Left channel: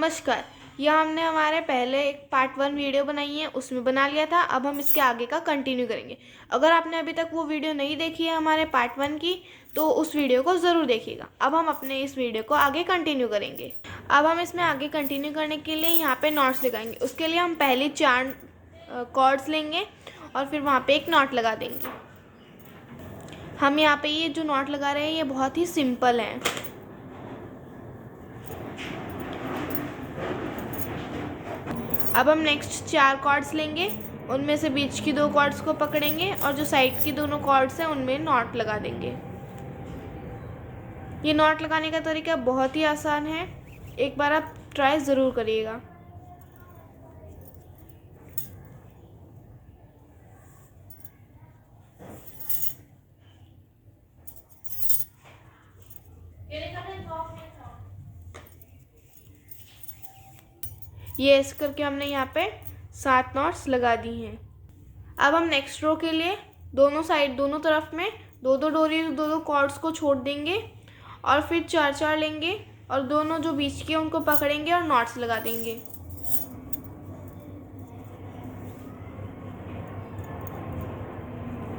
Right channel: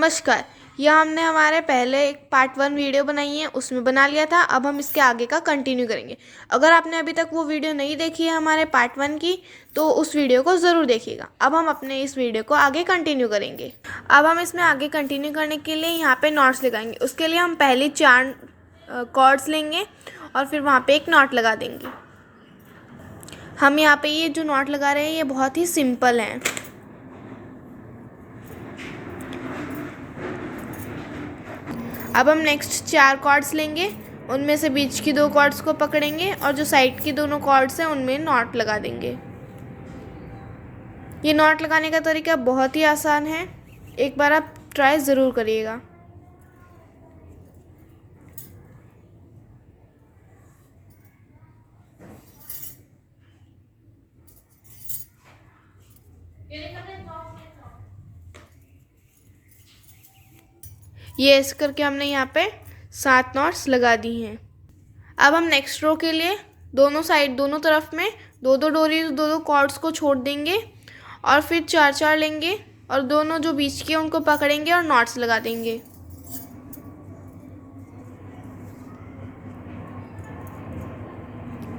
नमस्कार। यह हमने हमारे पहले एक पार्ट 1 वीडियो बनाई है, उसमें बना लिया था। अब हम इसके आगे का कंटिन्यू करेंगे। अगर आपने अभी तक वो वीडियो नहीं देखी है हमारे पार्ट 1 की, तो उस वीडियो को ज़रूर देखिएगा। अब हम अपने इस वीडियो को आगे कंटिन्यू करेंगे। अब हम इसमें आगे कंटिन्यू करने के लिए यहाँ पे नॉट्स लगाएंगे। उसके लिए हम पहले 4 कॉर्ड्स लेंगे और फिर वहाँ पे एक नॉट लगा देंगे। हम यहाँ पे ये जो नॉट लगा रहे हैं ये बहुत ही सिंपल है। अब हम नेक्स्ट 4 कॉर्ड्स लेंगे, उनमें से बीच की 2 कॉर्ड्स को पकड़ेंगे और जो साइड की दोनों कॉर्ड्स हैं उनमें नॉट लगा देंगे। ये नॉट लगाने का तरीका बहुत ही आसान है, एक बार आप ट्राई ज़रूर करिएगा। ये ऐसे करके हमने यहाँ पे 7 नॉट्स लगा दी हैं। अब हम नेक्स्ट रो के लिए दोनों साइड दोनों तरफ में 2-2 डोरी 2-2 कॉर्ड्स को छोड़ देंगे और फिर 4-4 लेंगे और दोनों जो बीच के उनको पकड़ेंगे और नॉट्स लगा देंगे।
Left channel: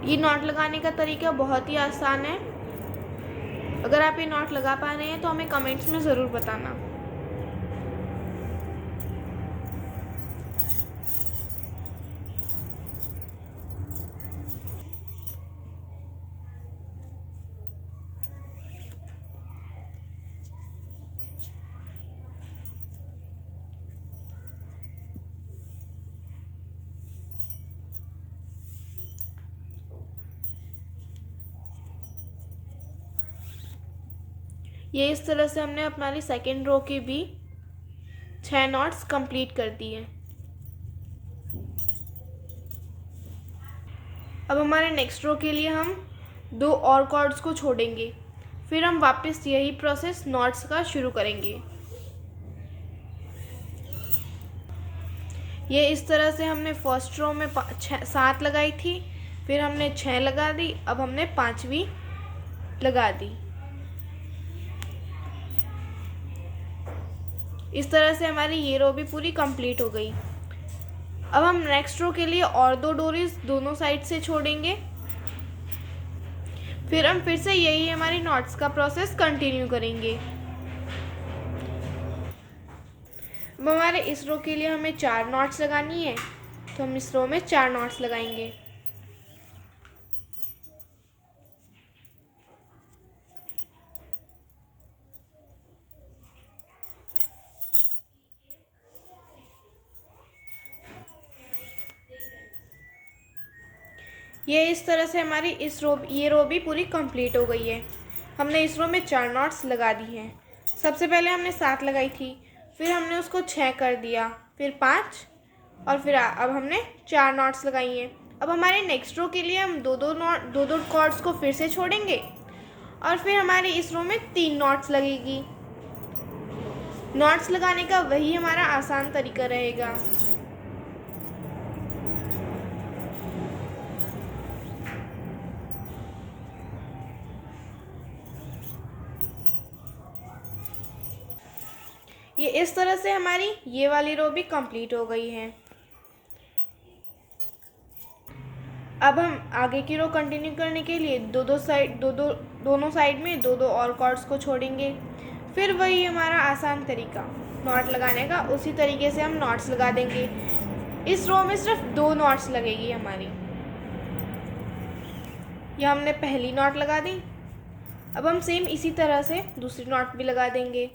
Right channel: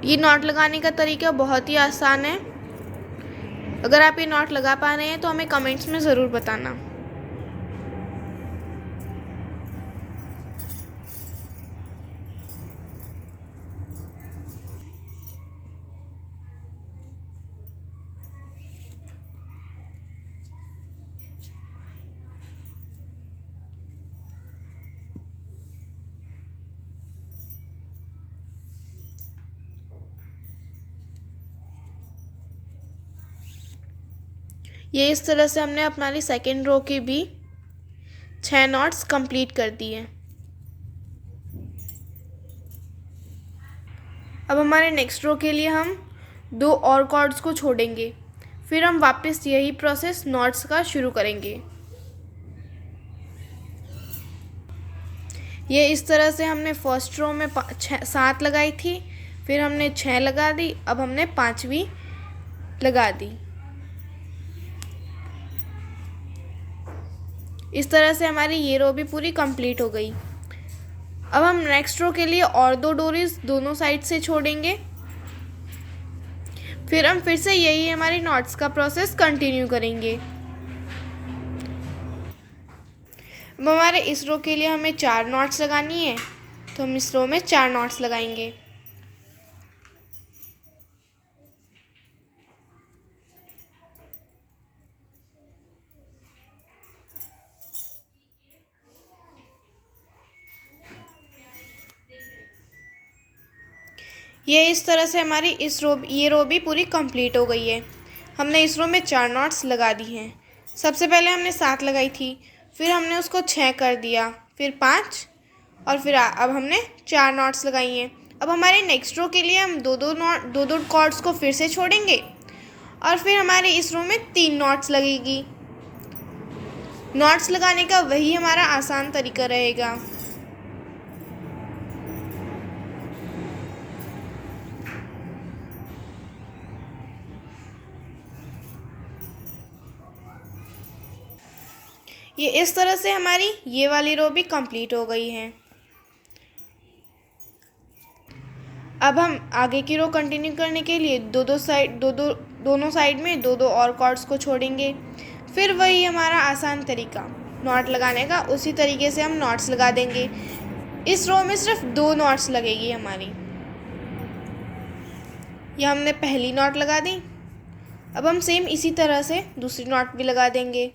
ये नॉट लगाने का तरीका बहुत ही आसान है। अगर आप ये नॉट लगा पा रहे हैं तो हमें कमेंट्स में ज़रूर बताना। ये इस तरह से हमने हमारी सेकेंड रो की भी 6 नॉट्स कंप्लीट कर दी हैं। अब हमारे नेक्स्ट रो के लिए हम 2 और कॉर्ड्स को छोड़ेंगे, फिर हम वापस यही प्रोसेस नॉट्स का शुरू करेंगे। ये इस तरह से हमने फर्स्ट रो में 7 लगाई थी, फिर हमने 6 लगा दी, अब हमने 5वीं लगा दी। इस तरह से हमारी ये रो भी पूरी कंप्लीट हो गई। अब हम नेक्स्ट रो के लिए और 2 डोरीज दोनों साइड से छोड़ेंगे, फिर हम फिर से यही हमारी नॉट्स का प्रोसेस कंटिन्यू करेंगे। अब हमारे इस रो के लिए हमें 4 नॉट्स लगानी है, तो हम इस रो में 4 नॉट्स लगाएंगे। ये इस तरह से हमारी ये रो भी पूरी कंप्लीट हो गई है। हमने इस रो में 4 नॉट्स लगा दी हैं। सबसे पहले हमने 7 लगाई थी, फिर हमने उसको 6 कर दिया, फिर 5 और फिर अब हमने 4 नॉट्स लगाई हैं। अब हमारे नेक्स्ट रो के लिए हम 2-2 कॉर्ड्स को फिर से छोड़ेंगे और फिर हमारे इस रो में 3 नॉट्स लगेगी। नॉट्स लगाने का वही हमारा आसान तरीका रहेगा। ये इस तरह से हमारी ये वाली रो भी कंप्लीट हो गई है। अब हम आगे की रो कंटिन्यू करने के लिए दोनों साइड में 2-2 और कॉर्ड्स को छोड़ेंगे। फिर वही हमारा आसान तरीका नॉट लगाने का, उसी तरीके से हम नॉट्स लगा देंगे। इस रो में सिर्फ 2 नॉट्स लगेगी हमारी। ये हमने पहली नॉट लगा दी। अब हम सेम इसी तरह से दूसरी नॉट भी लगा देंगे।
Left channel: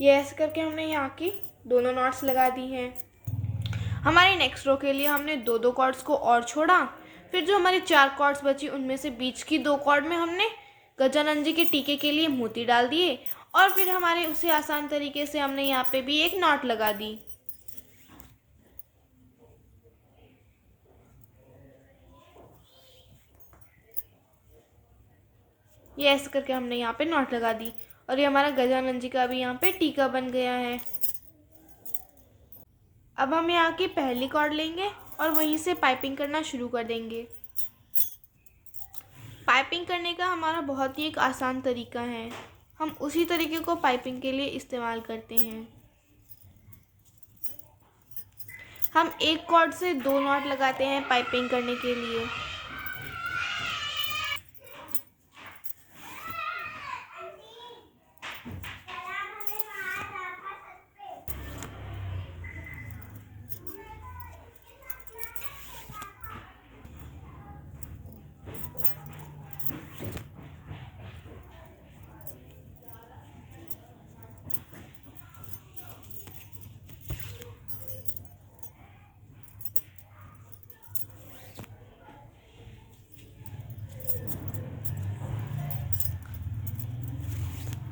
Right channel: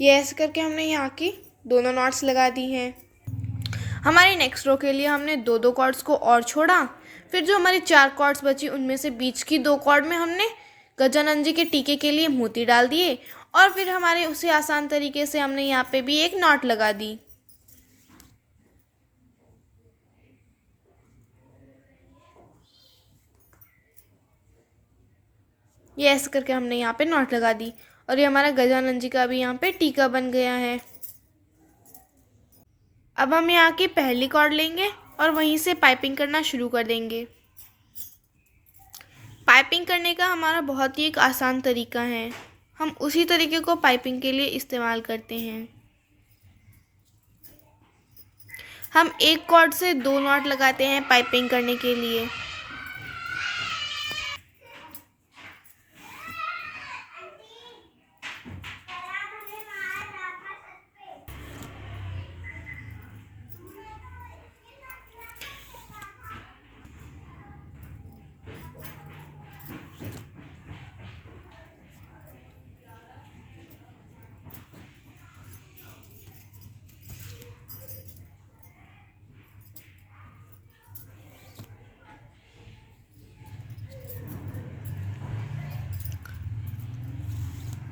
ये ऐसे करके हमने यहाँ की दोनों नॉट्स लगा दी हैं। हमारी नेक्स्ट रो के लिए हमने 2-2 कॉर्ड्स को और छोड़ा, फिर जो हमारी 4 कॉर्ड्स बची उनमें से बीच की 2 कॉर्ड में हमने गजानन जी के टीके के लिए मोती डाल दिए और फिर हमारे उसी आसान तरीके से हमने यहाँ पे भी एक नॉट लगा दी। ये ऐसे करके हमने यहाँ पे नॉट लगा दी और ये हमारा गजानन जी का भी यहाँ पे टीका बन गया है। अब हम यहाँ की पहली कॉर्ड लेंगे और वहीं से पाइपिंग करना शुरू कर देंगे। पाइपिंग करने का हमारा बहुत ही एक आसान तरीका है, हम उसी तरीके को पाइपिंग के लिए इस्तेमाल करते हैं। हम एक कॉर्ड से 2 नॉट लगाते हैं पाइपिंग करने के लिए।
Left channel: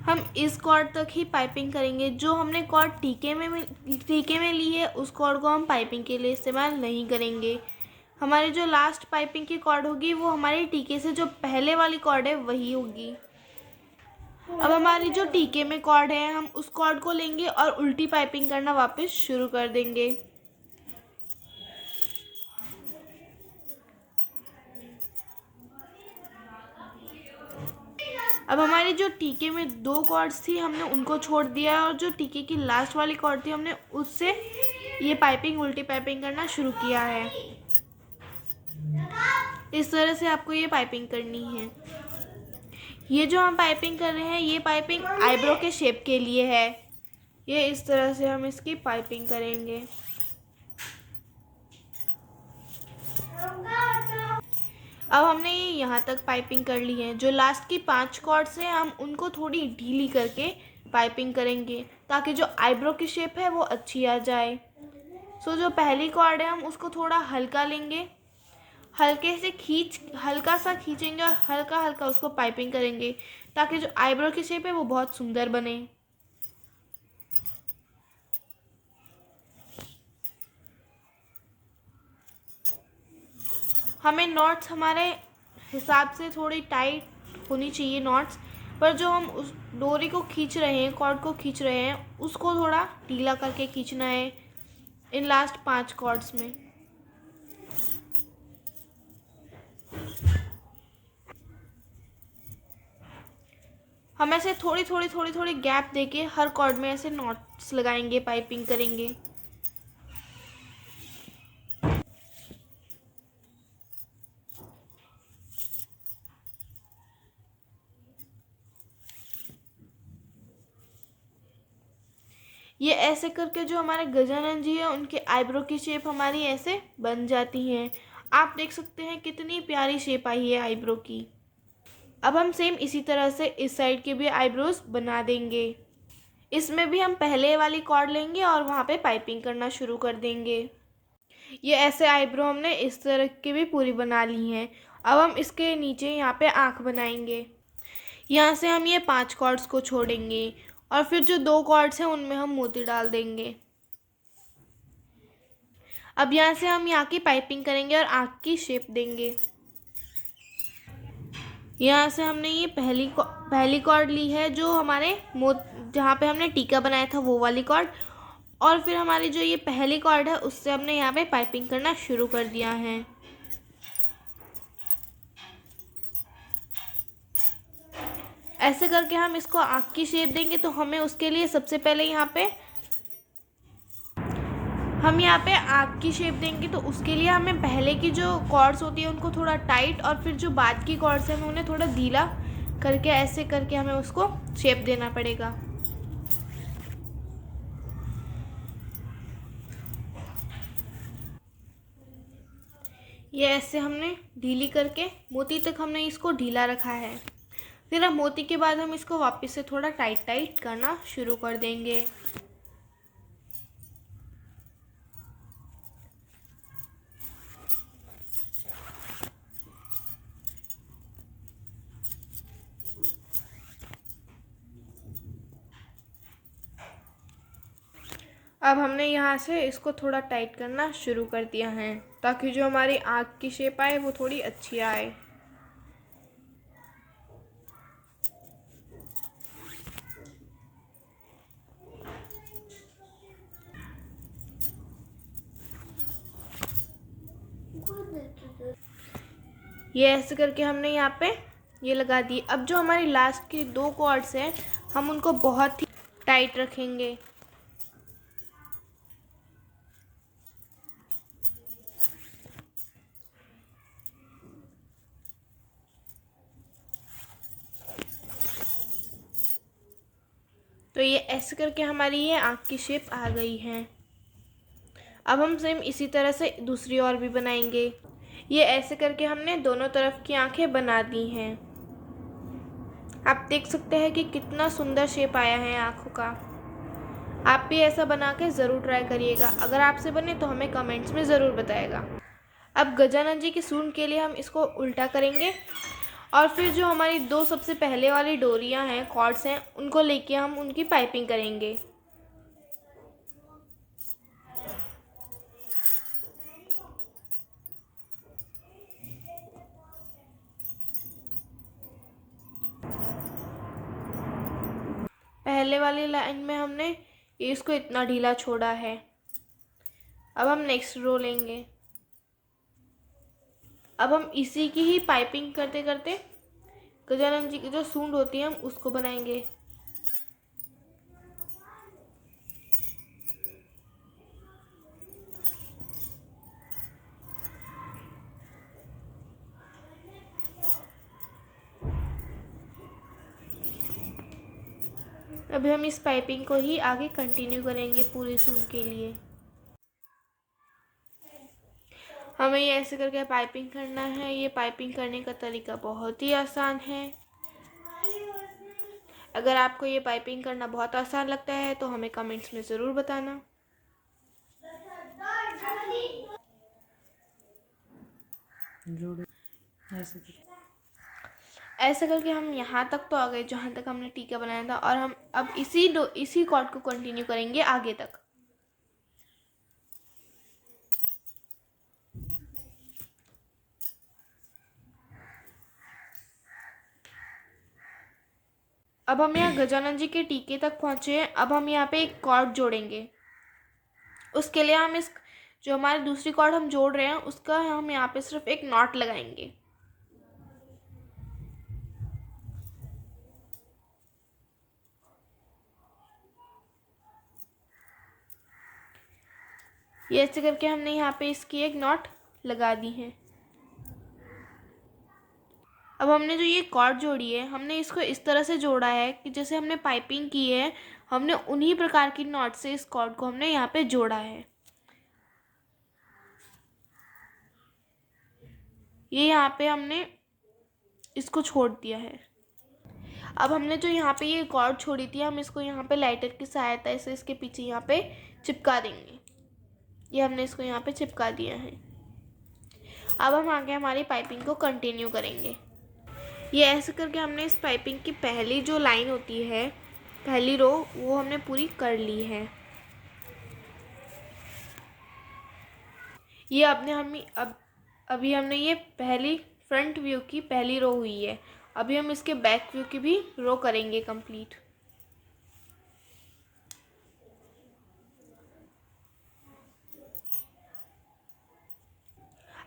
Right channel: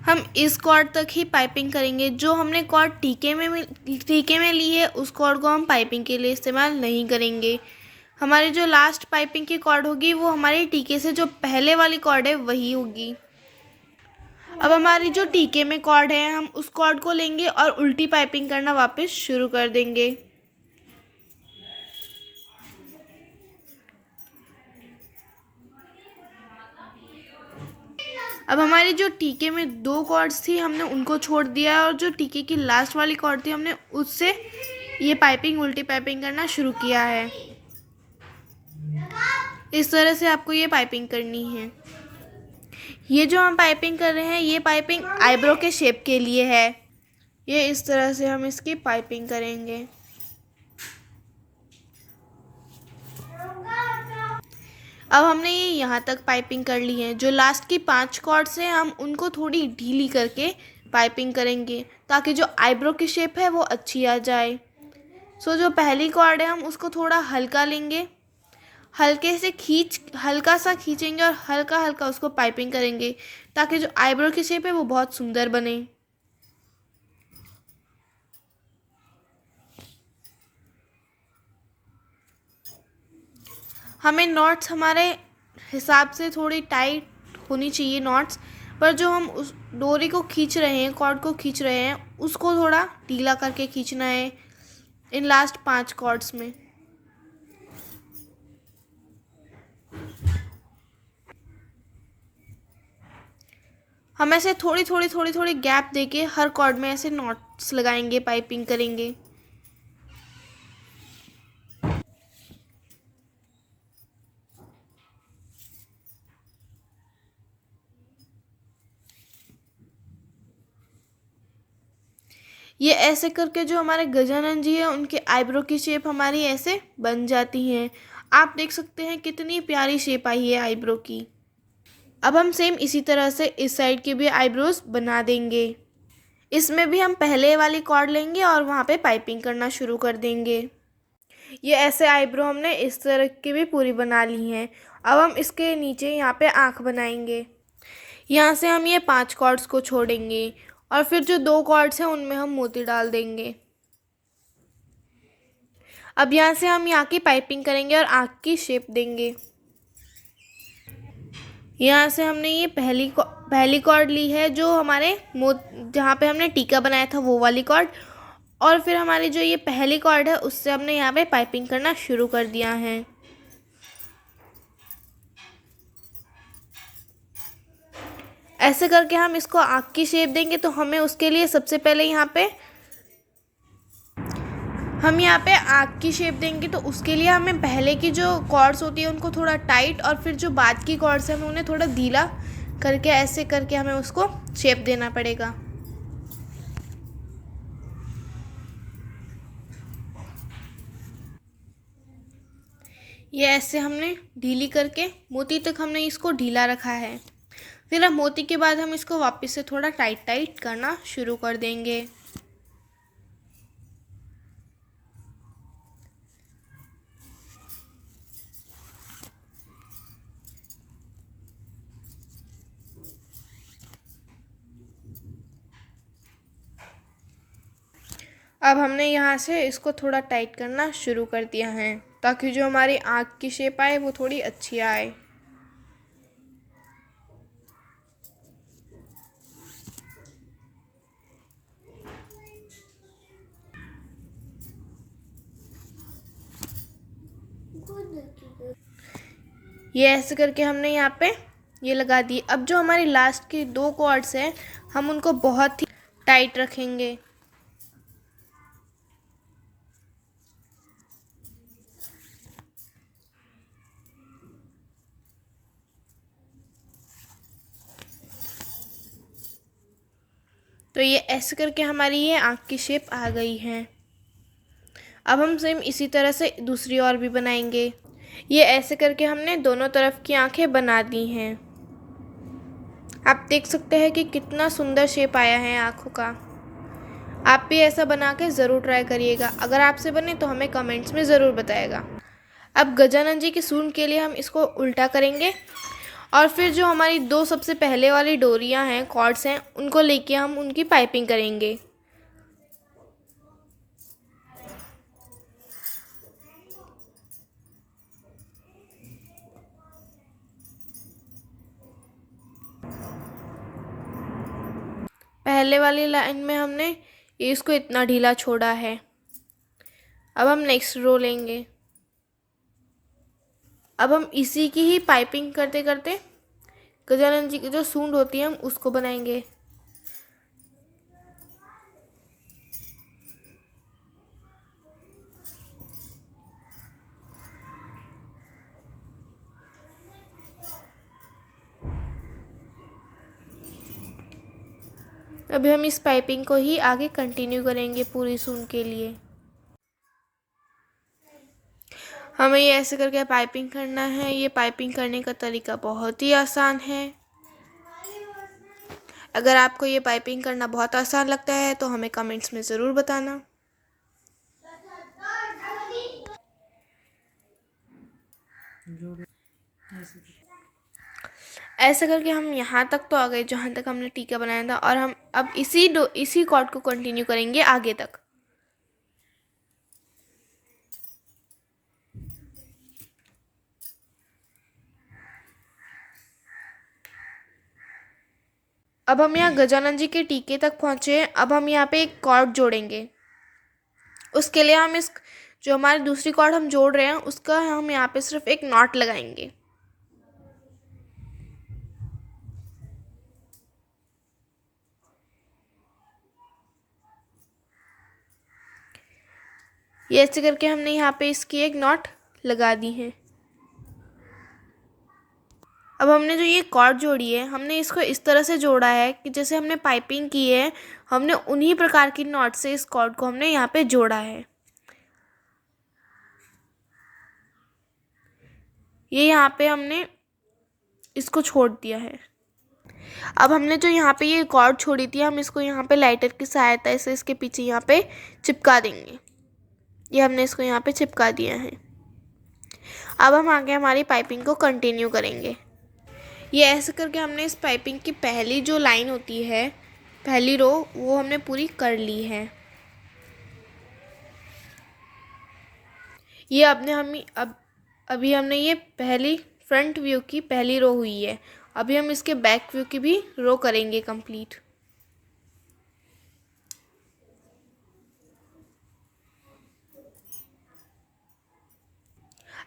हम इस कॉर्ड तक ही पाइपिंग करेंगे। जो हमने कॉर्ड टीके में ली है उस कॉर्ड को हम पाइपिंग के लिए इस्तेमाल नहीं करेंगे। हमारी जो लास्ट पाइपिंग की कॉर्ड होगी वो हमारे टीके से जो पहले वाली कॉर्ड है वही होगी। अब हमारी जो टीके में कॉर्ड है हम उस कॉर्ड को लेंगे और उल्टी पाइपिंग करना वापस शुरू कर देंगे। अब हमारी जो टीके में 2 कॉर्ड्स थी हमने उनको छोड़ दिया है और जो टीके की लास्ट वाली कॉर्ड थी हमने उससे ये पाइपिंग उल्टी पाइपिंग करना शुरू किया है। इस तरह से आपको ये पाइपिंग करनी है। ये जो हम पाइपिंग कर रहे हैं ये पाइपिंग आईब्रो के शेप के लिए है। ये इस तरह से हम इसकी पाइपिंग करेंगे। अब हमने ये यहाँ तक पाइपिंग कर ली है। जो लास्ट की 5 कॉर्ड्स हैं हम उनको थोड़ी ढीली करके पाइपिंग करेंगे ताकि जो आईब्रो की शेप है वो अच्छी आ जाए। जो पहली कॉर्ड है हम उसको थोड़ा हल्का लेंगे, हल्का सा खींचेंगे और हल्का हल्का उसको पाइपिंग करेंगे ताकि जो आईब्रो की शेप है वो बहुत सुंदर बने। हमें नॉट्स हमारे हिसाब से थोड़ी टाइट होनी चाहिए नॉट्स, पर जो हम उस डोरी को खींच रहे हैं, कॉर्ड को खींच रहे हैं, उसको थोड़ा ढीला करके खींचना है इन लास्ट 5 कॉर्ड्स में। हम ऐसे थोड़ी थोड़ी गैप देके हर कॉर्ड में ऐसे नॉट्स लगाएंगे, पाइपिंग करेंगे। ये ऐसे करके जो हमारे गजानन जी हैं उनके आईब्रो की शेप हमारी ऐसे बन जाती है। आप देख सकते हैं कितनी प्यारी शेप आई है आईब्रो की। अब हम सेम इसी तरह से इस साइड के भी आईब्रोज बना देंगे। इसमें भी हम पहले वाली कॉर्ड लेंगे और वहाँ पे पाइपिंग करना शुरू कर देंगे। ये ऐसे आईब्रो हमने इस तरह की भी पूरी बना ली हैं। अब हम इसके नीचे यहाँ पे आँख बनाएंगे। यहाँ से हम ये 5 कॉर्ड्स को छोड़ेंगे और फिर जो 2 कॉर्ड्स हैं उनमें हम मोती डाल देंगे। अब यहाँ से हम यहाँ की पाइपिंग करेंगे और आँख की शेप देंगे। यहाँ से हमने ये पहली कॉर्ड ली है जो हमारे जहाँ पे हमने टीका बनाया था वो वाली कॉर्ड, और फिर हमारी जो ये पहली कॉर्ड है उससे हमने यहाँ पे पाइपिंग करना शुरू कर दिया है। ऐसे करके हम इसको आँख की शेप देंगे तो हमें उसके लिए सबसे पहले यहाँ पे आँख की शेप देंगे तो उसके लिए हमें पहले की जो कॉर्ड्स होती है उनको थोड़ा टाइट और फिर जो बाद की कॉर्ड्स हैं उन्हें थोड़ा ढीला करके ऐसे करके हमें उसको शेप देना पड़ेगा। ये ऐसे हमने ढीली करके मोती तक हमने इसको ढीला रखा है। फिर अब मोती के बाद हम इसको वापस से थोड़ा टाइट करना शुरू कर देंगे। अब हमने यहाँ से इसको थोड़ा टाइट करना शुरू कर दिया है ताकि जो हमारी आँख की शेप आए वो थोड़ी अच्छी आए। ये ऐसे करके हमने यहाँ पे ये लगा दी। अब जो हमारी लास्ट की 2 कॉर्ड्स हैं हम उनको बहुत ही टाइट रखेंगे। तो ये ऐसे करके हमारी ये आँख की शेप आ गई है। अब हम सेम इसी तरह से दूसरी और भी बनाएंगे। ये ऐसे करके हमने दोनों तरफ की आंखें बना दी हैं। आप देख सकते हैं कि कितना सुंदर शेप आया है आँखों का। आप भी ऐसा बना के ज़रूर ट्राई करिएगा। अगर आपसे बने तो हमें कमेंट्स में ज़रूर बताएगा। अब गजानन जी की सूंड के लिए हम इसको उल्टा करेंगे और फिर जो हमारी 2 सबसे पहले वाली डोरियां हैं, कॉर्ड्स हैं, उनको लेके हम उनकी पाइपिंग करेंगे। पहले वाली लाइन में हमने इसको इतना ढीला छोड़ा है। अब हम नेक्स्ट रो लेंगे। अब हम इसी की ही पाइपिंग करते करते गजानन जी की जो सूंड होती है हम उसको बनाएंगे। अभी हम इस पाइपिंग को ही आगे कंटिन्यू करेंगे पूरी सूंड के लिए। हमें ये ऐसे करके पाइपिंग करना है। ये पाइपिंग करने का तरीका बहुत ही आसान है। अगर आपको ये पाइपिंग करना बहुत आसान लगता है तो हमें कमेंट्स में ज़रूर बताना। ऐसा करके हम यहाँ तक तो आ गए जहाँ तक हमने टीका बनाया था और हम अब इसी कॉर्ड को कंटिन्यू करेंगे आगे तक। अब हम यहाँ गजानन जी के टीके तक पहुँचे हैं। अब हम यहाँ पे एक कॉर्ड जोड़ेंगे। उसके लिए हम जो हमारी दूसरी कॉर्ड हम जोड़ रहे हैं उसका हम यहाँ पे सिर्फ एक नॉट लगाएंगे। ये ऐसे करके हमने यहाँ पे इसकी एक नॉट लगा दी है। अब हमने जो ये कॉर्ड जोड़ी है हमने इसको इस तरह से जोड़ा है कि जैसे हमने पाइपिंग की है हमने उन्हीं प्रकार की नॉट से इस कॉर्ड को हमने यहाँ पे जोड़ा है। ये यहाँ पे हमने इसको छोड़ दिया है। अब हमने जो यहाँ पे ये कॉर्ड छोड़ी थी हम इसको यहाँ पे लाइटर की सहायता से इसके पीछे यहाँ पे चिपका देंगे। ये हमने इसको यहाँ पे चिपका दिया है। अब हम आगे हमारी पाइपिंग को कंटिन्यू करेंगे। ये ऐसे करके हमने इस पाइपिंग की पहली जो लाइन होती है, पहली रो, वो हमने पूरी कर ली है। ये अभी हमने ये पहली फ्रंट व्यू की पहली रो हुई है। अभी हम इसके बैक व्यू की भी रो करेंगे कंप्लीट।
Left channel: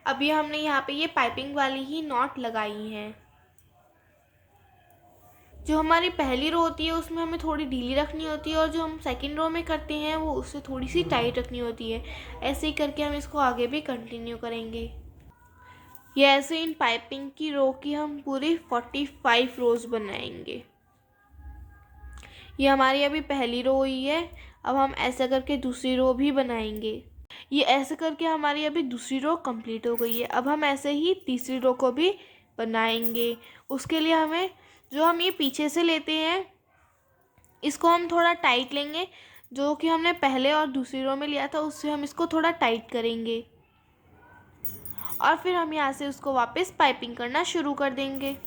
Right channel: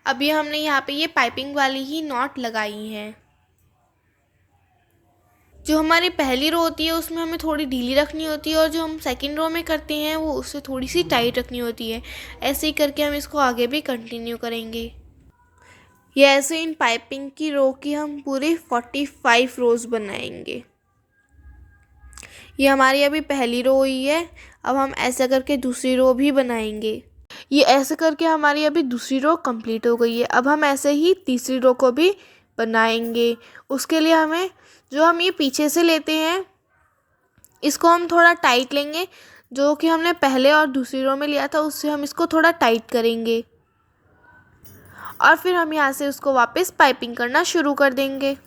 अभी हमने यहाँ पे ये पाइपिंग वाली ही नॉट लगाई है। जो हमारी पहली रो होती है उसमें हमें थोड़ी ढीली रखनी होती है और जो हम सेकंड रो में करते हैं वो उससे थोड़ी सी टाइट रखनी होती है। ऐसे ही करके हम इसको आगे भी कंटिन्यू करेंगे। ये ऐसे इन पाइपिंग की रो की हम पूरी 45 रोज़ बनाएंगे। ये हमारी अभी पहली रो हुई है। अब हम ऐसा करके दूसरी रो भी बनाएंगे। ये ऐसे करके हमारी अभी दूसरी रो कंप्लीट हो गई है। अब हम ऐसे ही तीसरी रो को भी बनाएंगे। उसके लिए हमें जो हम ये पीछे से लेते हैं इसको हम थोड़ा टाइट लेंगे। जो कि हमने पहले और दूसरी रो में लिया था उससे हम इसको थोड़ा टाइट करेंगे और फिर हम यहाँ से उसको वापस पाइपिंग करना शुरू कर देंगे।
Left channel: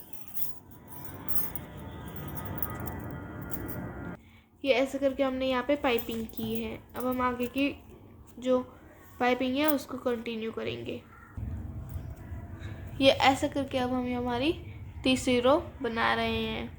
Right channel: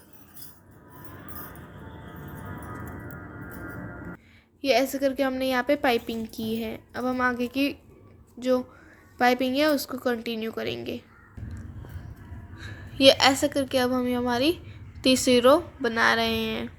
ये ऐसे करके हमने यहाँ पे पाइपिंग की है। अब हम आगे की जो पाइपिंग है उसको कंटिन्यू करेंगे। ये ऐसे करके अब हम हमारी तीसरी रो बना रहे हैं।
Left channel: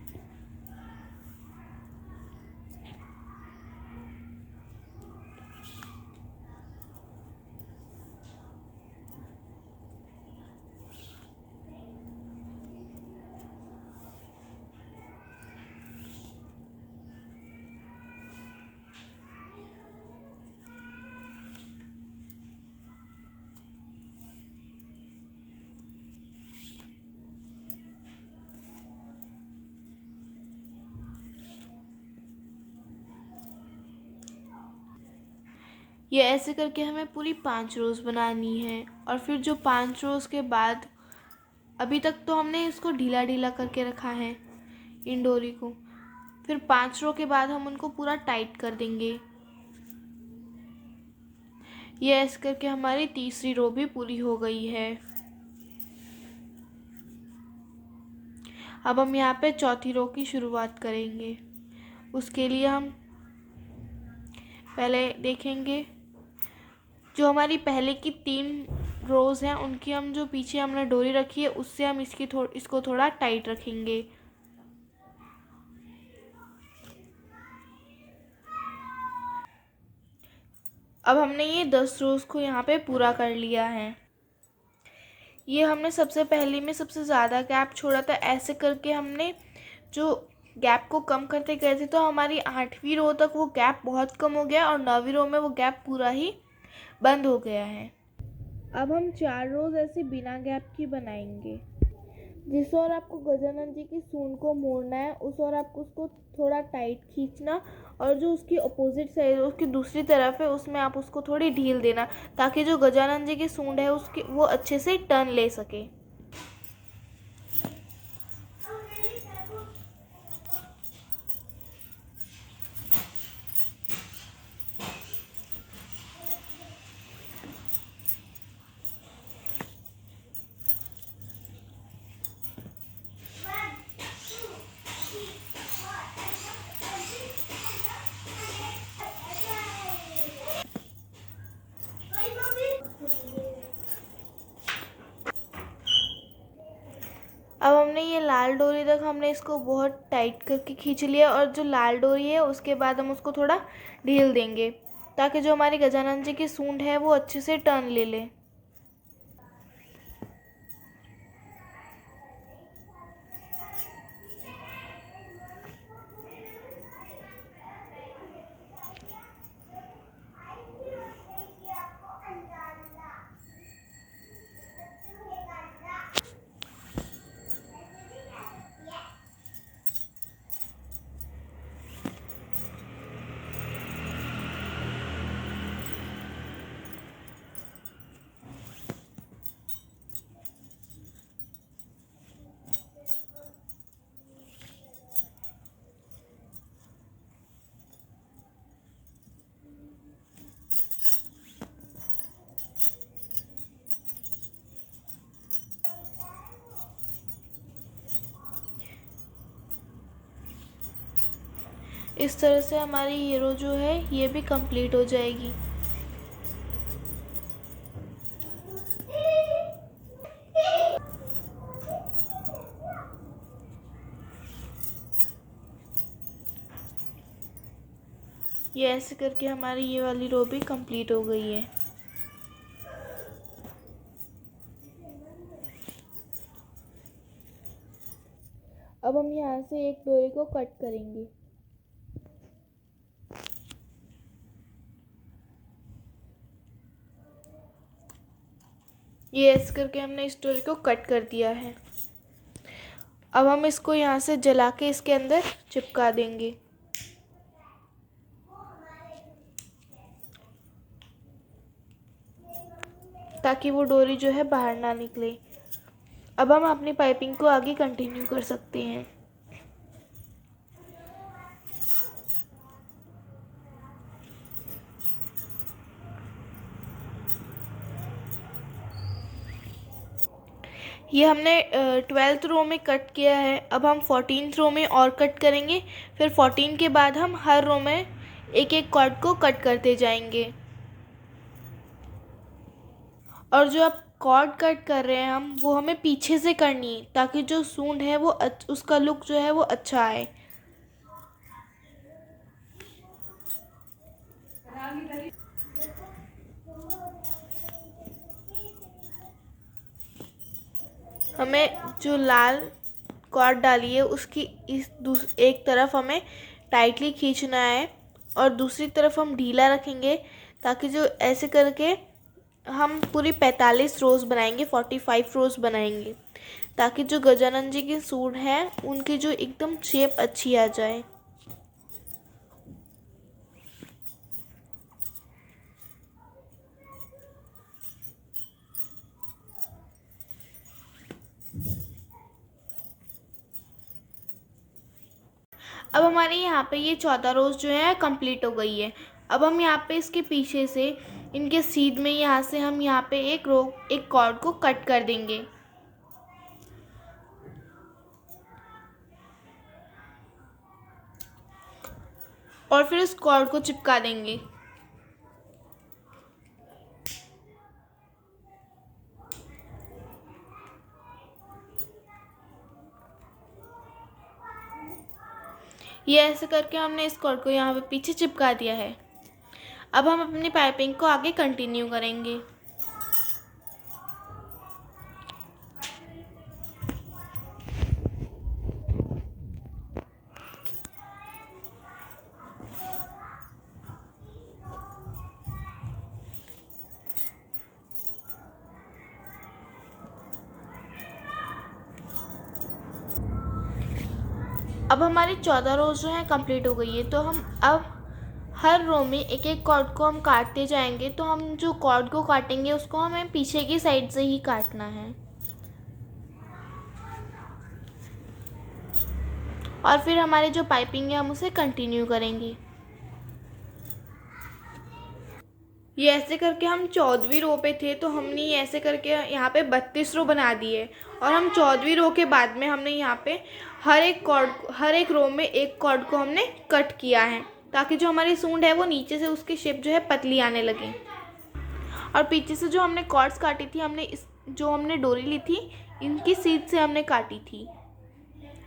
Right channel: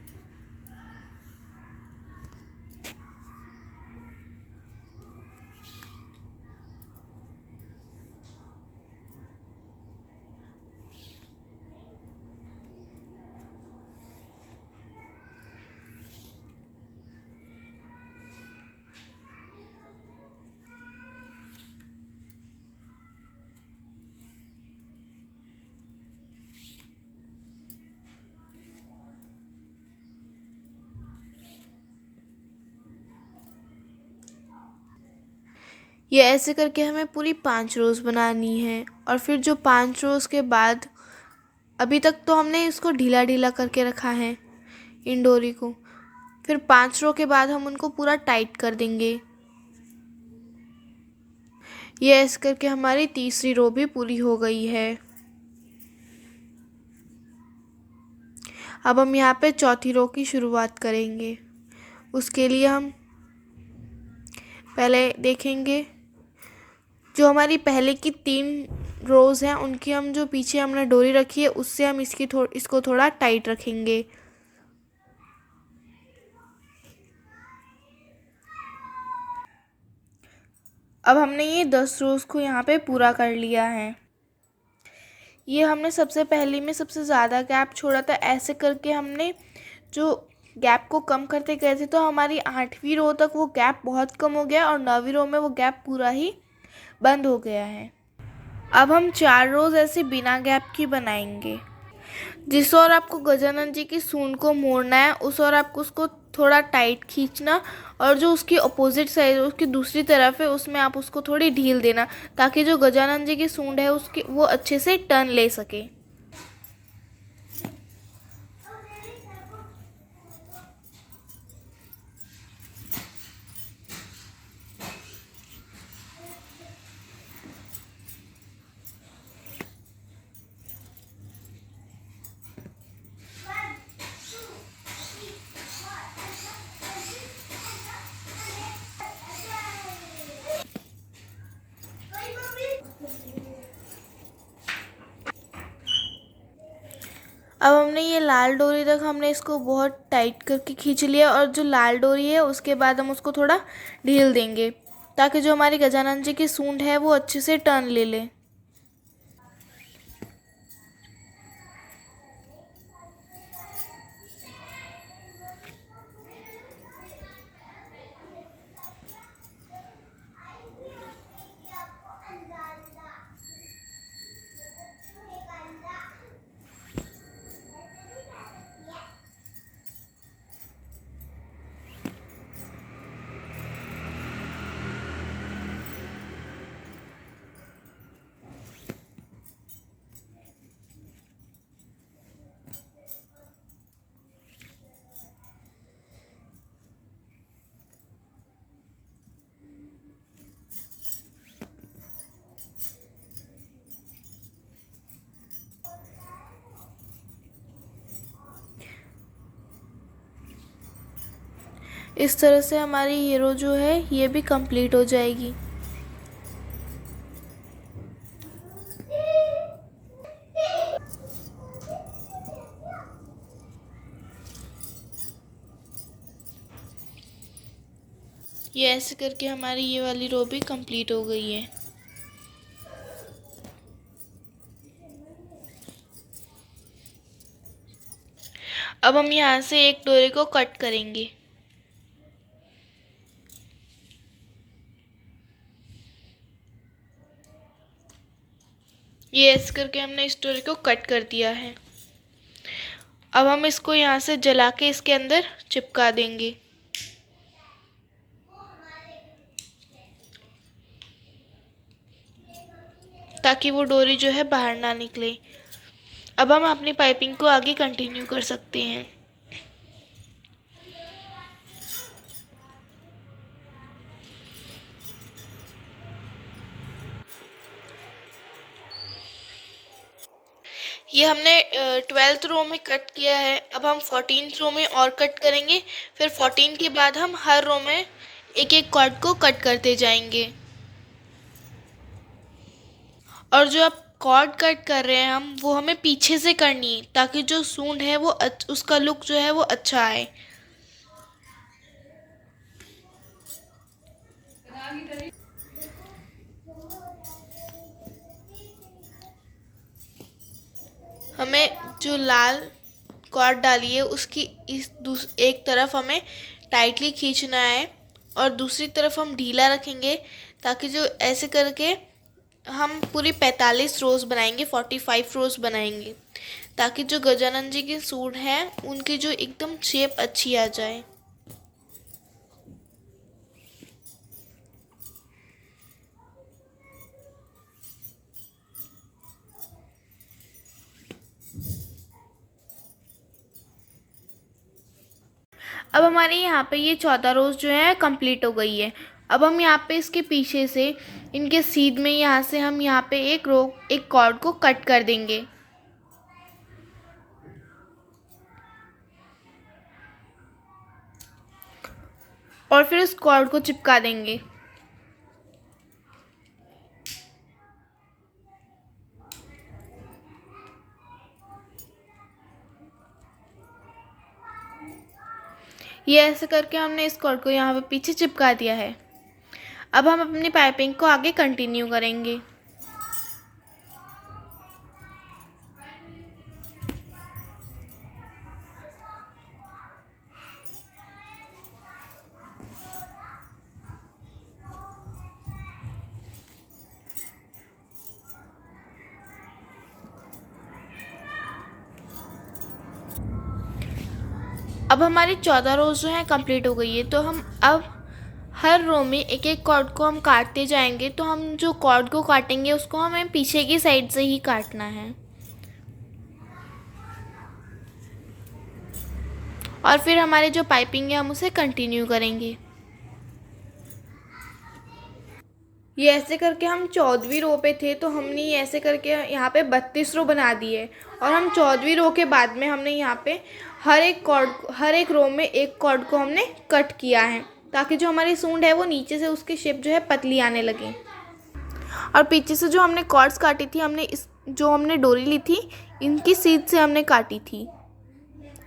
ये ऐसे करके हमें पूरी 5 रोज़ बनानी है। और फिर जो 5 रोज़ के बाद, अभी तक तो हमने इसको ढीला ढीला करके रखा है इन डोरी को, फिर 5 रो के बाद हम उनको पूरा टाइट कर देंगे। ये ऐसे करके हमारी तीसरी रो भी पूरी हो गई है। अब हम यहाँ पे चौथी रो की शुरुआत करेंगे। उसके लिए हम पहले देखेंगे जो हमारी पहले की 3 रोज़ हैं उनकी हम जो पीछे हमने डोरी रखी है उससे हम इसको थोड़ा टाइट रखेंगे। अब हमने ये 10 रोज़ को यहाँ पे पूरा कर लिया है। ये हमने सबसे पहले में सबसे ज़्यादा गैप छोड़ा था। ऐसे करके हमने जो गैप को कम करते गए थे तो हमारी 8वीं रो तक वो गैप बहुत कम हो गया और 9वीं रो में वो गैप पूरा ही बंद हो गया है। अब हम 4 रोज़ ऐसे बिना गैप की बनाएंगे। जिस ओर आपको गजानन जी की सूंड को मोड़ना है उस ओर आपको उसको थोड़ा टाइट खींचना, और जो उसकी अपोजिट साइड उसकी दूसरी तरफ है उसमें आप उसको थोड़ी ढील देना, ताकि जो गजानन जी की सूंड है उसकी वो अच्छे से टर्न ले सके। अब हमने ये लाल डोरी तक हमने इसको बहुत टाइट करके खींच लिया, और जो लाल डोरी है उसके बाद हम उसको थोड़ा ढील देंगे ताकि जो हमारी गजानन जी की सूंड है वो अच्छे से टर्न ले ले। इस तरह से हमारी ये रो जो है ये भी कंप्लीट हो जाएगी। ये ऐसे करके हमारी ये वाली रो भी कंप्लीट हो गई है। अब हम यहाँ से एक डोरी को कट करेंगे। ये ऐसे करके हमने इस डोरी को कट कर दिया है। अब हम इसको यहाँ से जला के इसके अंदर चिपका देंगे। ताकि वो डोरी जो है बाहर ना निकले। अब हम अपनी पाइपिंग को आगे कंटिन्यू कर सकते हैं। ये हमने 12th रो में कट किया है। अब हम 14th रो में और कट करेंगे। फिर 14 के बाद हम हर रो में एक एक कॉर्ड को कट करते जाएंगे। और जो आप कॉर्ड कट कर रहे हैं हम वो हमें पीछे से करनी है, ताकि जो सूंड है वो उसका लुक जो है वो अच्छा आए। हमें जो लाल कॉर्ड डाली है उसकी एक तरफ हमें टाइटली खींचना है और दूसरी तरफ हम ढीला रखेंगे, ताकि जो ऐसे करके हम पूरी 45 रोज़ बनाएंगे, 45 रोज़ बनाएंगे, ताकि जो गजानन जी की सूंड है उनकी जो एकदम शेप अच्छी आ जाए। अब हमारे यहाँ पे ये 14 रोज़ जो है कंप्लीट हो गई है। अब हम यहाँ पे इसके पीछे से इनके सीध में यहाँ से हम यहाँ पे एक कॉर्ड को कट कर देंगे और फिर इस कॉर्ड को चिपका देंगे। ये ऐसे करके हमने इस कॉर्ड को यहाँ पे पीछे चिपका दिया है। अब हम अपनी पाइपिंग को आगे कंटिन्यू करेंगे। अब हमारी 14 रोज़ जो हैं कंप्लीट हो गई है, तो हम अब हर रो में एक एक कॉर्ड को हम काटते जाएंगे। तो हम जो कॉर्ड को काटेंगे उसको हमें पीछे की साइड से ही काटना है और फिर हमारे जो पाइपिंग है हम उसे कंटिन्यू करेंगे। ये ऐसे करके हम 14वीं रो पे थे, तो हमने ये ऐसे करके यहाँ पे 32 रो बना दी है और हम 14वीं रो के बाद में हमने यहाँ पे हर एक रो में एक कॉर्ड को हमने कट किया है ताकि जो हमारी सूंड है वो नीचे से उसकी शेप जो है पतली आने लगे। और पीछे से जो हमने कॉर्ड्स काटी थी जो हमने डोरी ली थी इनकी सीध से हमने काटी थी।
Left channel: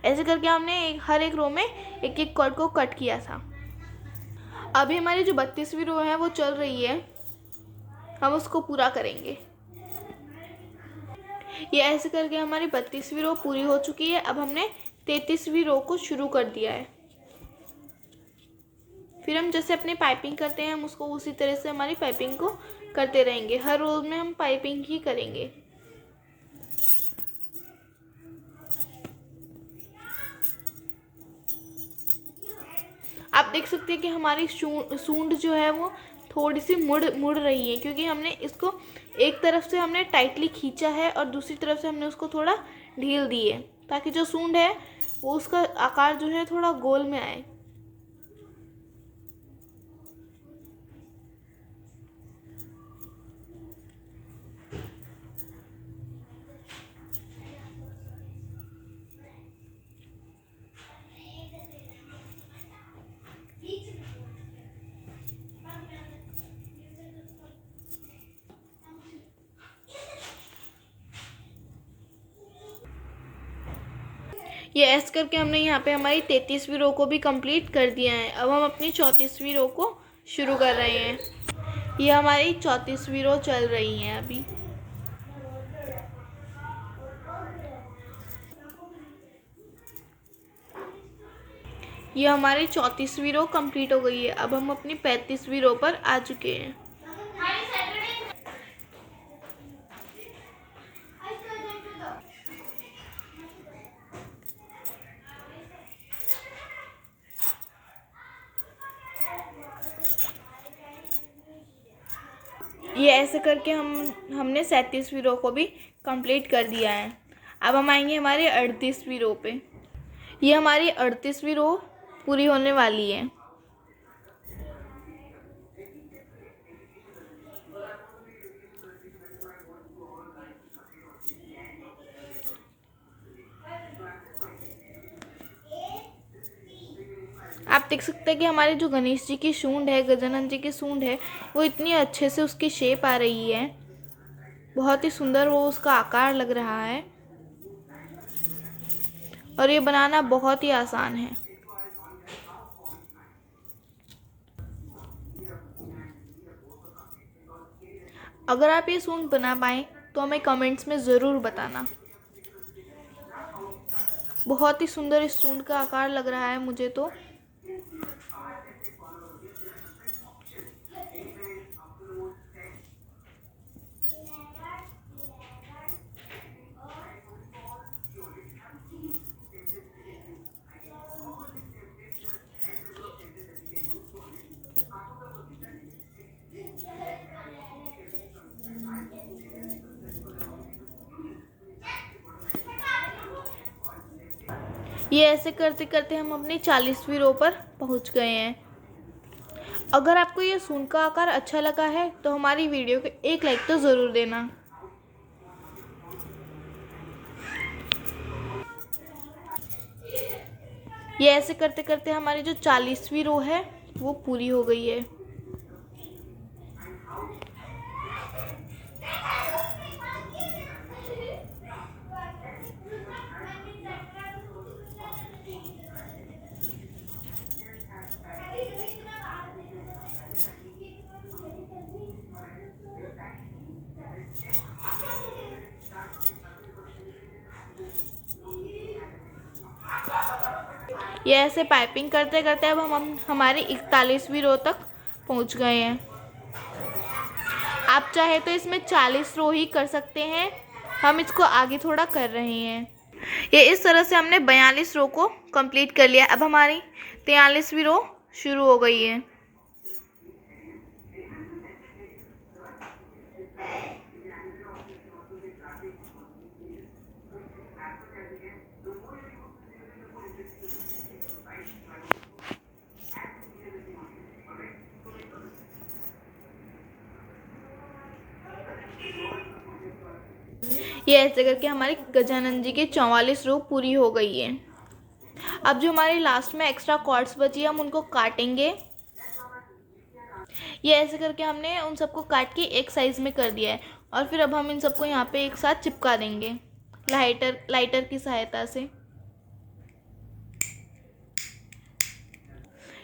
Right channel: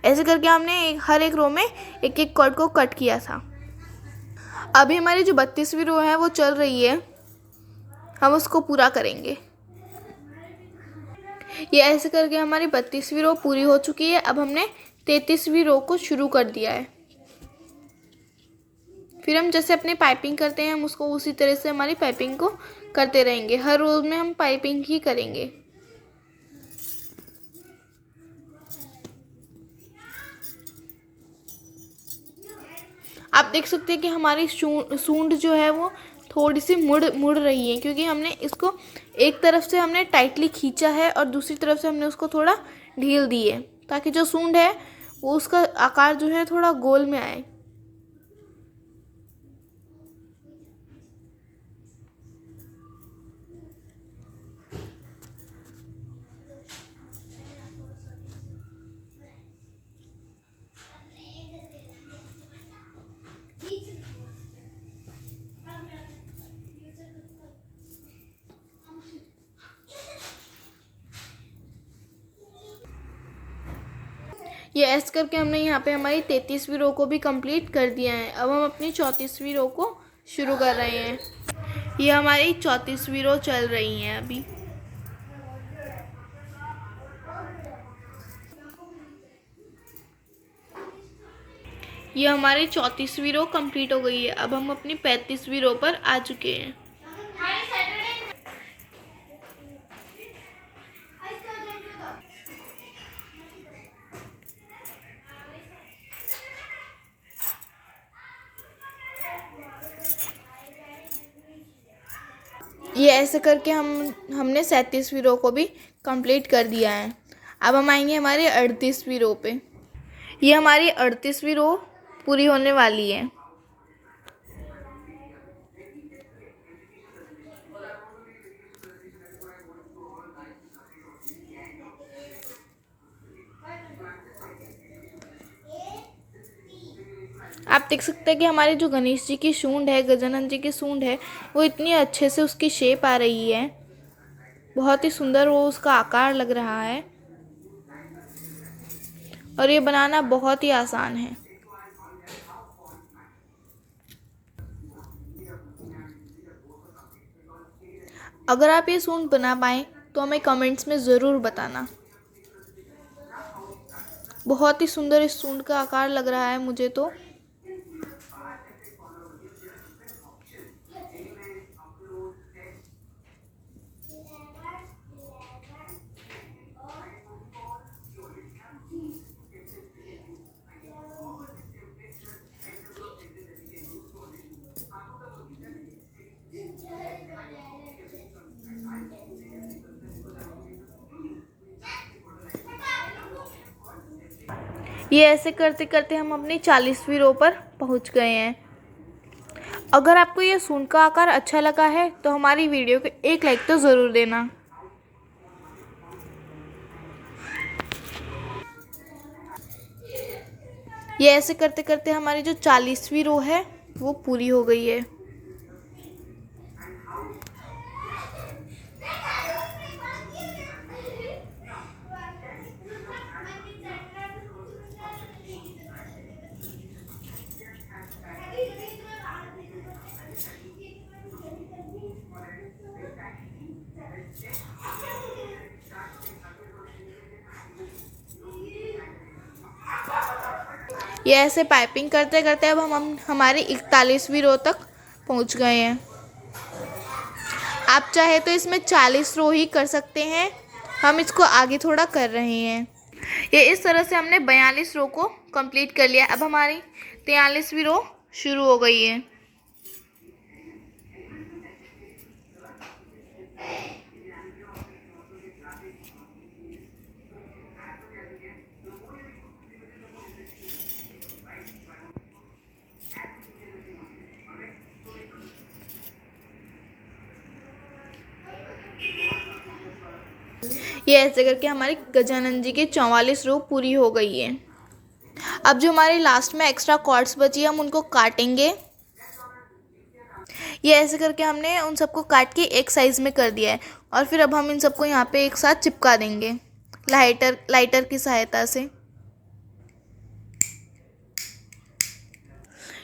ऐसे करके हमने हर एक रो में एक एक कॉर्ड को कट किया था। अभी हमारी जो 32वीं रो है वो चल रही है, हम उसको पूरा करेंगे। ये ऐसे करके हमारी 32वीं रो पूरी हो चुकी है। अब हमने 33वीं रो को शुरू कर दिया है। फिर हम जैसे अपने पाइपिंग करते हैं हम उसको उसी तरह से हमारी पाइपिंग को करते रहेंगे। हर रो में हम पाइपिंग ही करेंगे। आप देख सकते हैं कि हमारी सूंड जो है वो थोड़ी सी मुड़ रही है क्योंकि हमने इसको एक तरफ से हमने टाइटली खींचा है और दूसरी तरफ से हमने उसको थोड़ा ढील दी है ताकि जो सूंड है वो उसका आकार जो है थोड़ा गोल में आए। ये ऐसे करके हमने यहाँ पे हमारी 33वीं रो को भी कंप्लीट कर दिया है। अब हम अपनी 34वीं रो को शुरू कर रहे हैं। ये हमारी 34वीं रो चल रही है अभी। ये हमारी 34वीं रो कंप्लीट हो गई है। अब हम अपनी 35वीं रो पर आ चुके हैं। ये ऐसे करके हमने 37वीं रो को भी कंप्लीट कर दिया है। अब हम आएंगे हमारी 38वीं रो पे। ये हमारी 38वीं रो पूरी होने वाली है। आप देख सकते हैं कि हमारे जो गणेश जी की सूंड है, गजानन जी की सूंड है, वो इतनी अच्छे से उसकी शेप आ रही है। बहुत ही सुंदर वो उसका आकार लग रहा है और ये बनाना बहुत ही आसान है। अगर आप ये सूंड बना पाएँ तो हमें कमेंट्स में ज़रूर बताना। बहुत ही सुंदर इस सूंड का आकार लग रहा है मुझे तो। ये ऐसे करते करते हम अपनी 40वीं रो पर पहुंच गए हैं। अगर आपको ये सूंड का आकार अच्छा लगा है तो हमारी वीडियो को एक लाइक तो ज़रूर देना। ये ऐसे करते करते हमारी जो 40वीं रो है वो पूरी हो गई है। ये ऐसे पाइपिंग करते करते अब हम हमारी 41वीं रो तक पहुंच गए हैं। आप चाहे तो इसमें 40 रो ही कर सकते हैं, हम इसको आगे थोड़ा कर रहे हैं। ये इस तरह से हमने 42 रो को कंप्लीट कर लिया। अब हमारी 43वीं रो शुरू हो गई है। ये ऐसे करके हमारी गजानन जी की 44 रो पूरी हो गई है। अब जो हमारी लास्ट में एक्स्ट्रा कॉर्ड्स बची है हम उनको काटेंगे। ये ऐसे करके हमने उन सबको काट के एक साइज़ में कर दिया है और फिर अब हम इन सबको यहाँ पे एक साथ चिपका देंगे लाइटर की सहायता से।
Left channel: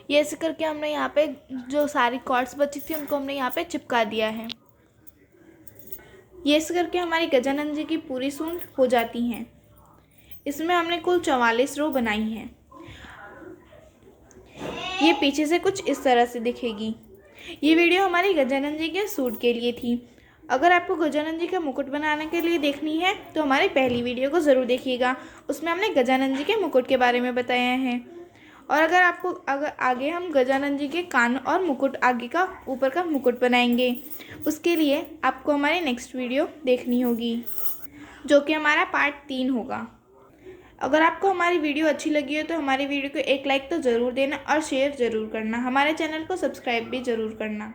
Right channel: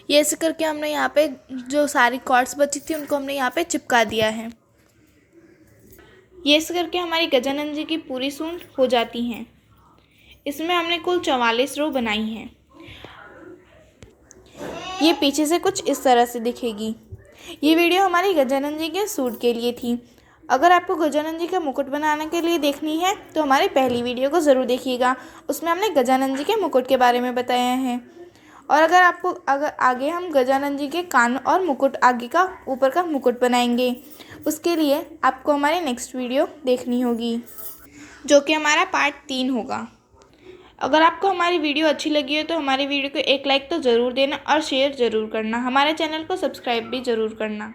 ये ऐसे करके हमने यहाँ पे जो सारी कॉर्ड्स बची थी उनको हमने यहाँ पे चिपका दिया है। ये ऐसे करके हमारी गजानन जी की पूरी सूंड हो जाती हैं। इसमें हमने कुल 44 रो बनाई हैं। ये पीछे से कुछ इस तरह से दिखेगी। ये वीडियो हमारी गजानन जी के सूट के लिए थी। अगर आपको गजानन जी का मुकुट बनाने के लिए देखनी है तो हमारी पहली वीडियो को ज़रूर देखिएगा, उसमें हमने गजानन जी के मुकुट के बारे में बताया है। और अगर आगे हम गजानन जी के कान और मुकुट आगे का ऊपर का मुकुट बनाएंगे, उसके लिए आपको हमारी नेक्स्ट वीडियो देखनी होगी जो कि हमारा पार्ट 3 होगा। अगर आपको हमारी वीडियो अच्छी लगी हो तो हमारी वीडियो को एक लाइक तो ज़रूर देना और शेयर ज़रूर करना। हमारे चैनल को सब्सक्राइब भी ज़रूर करना।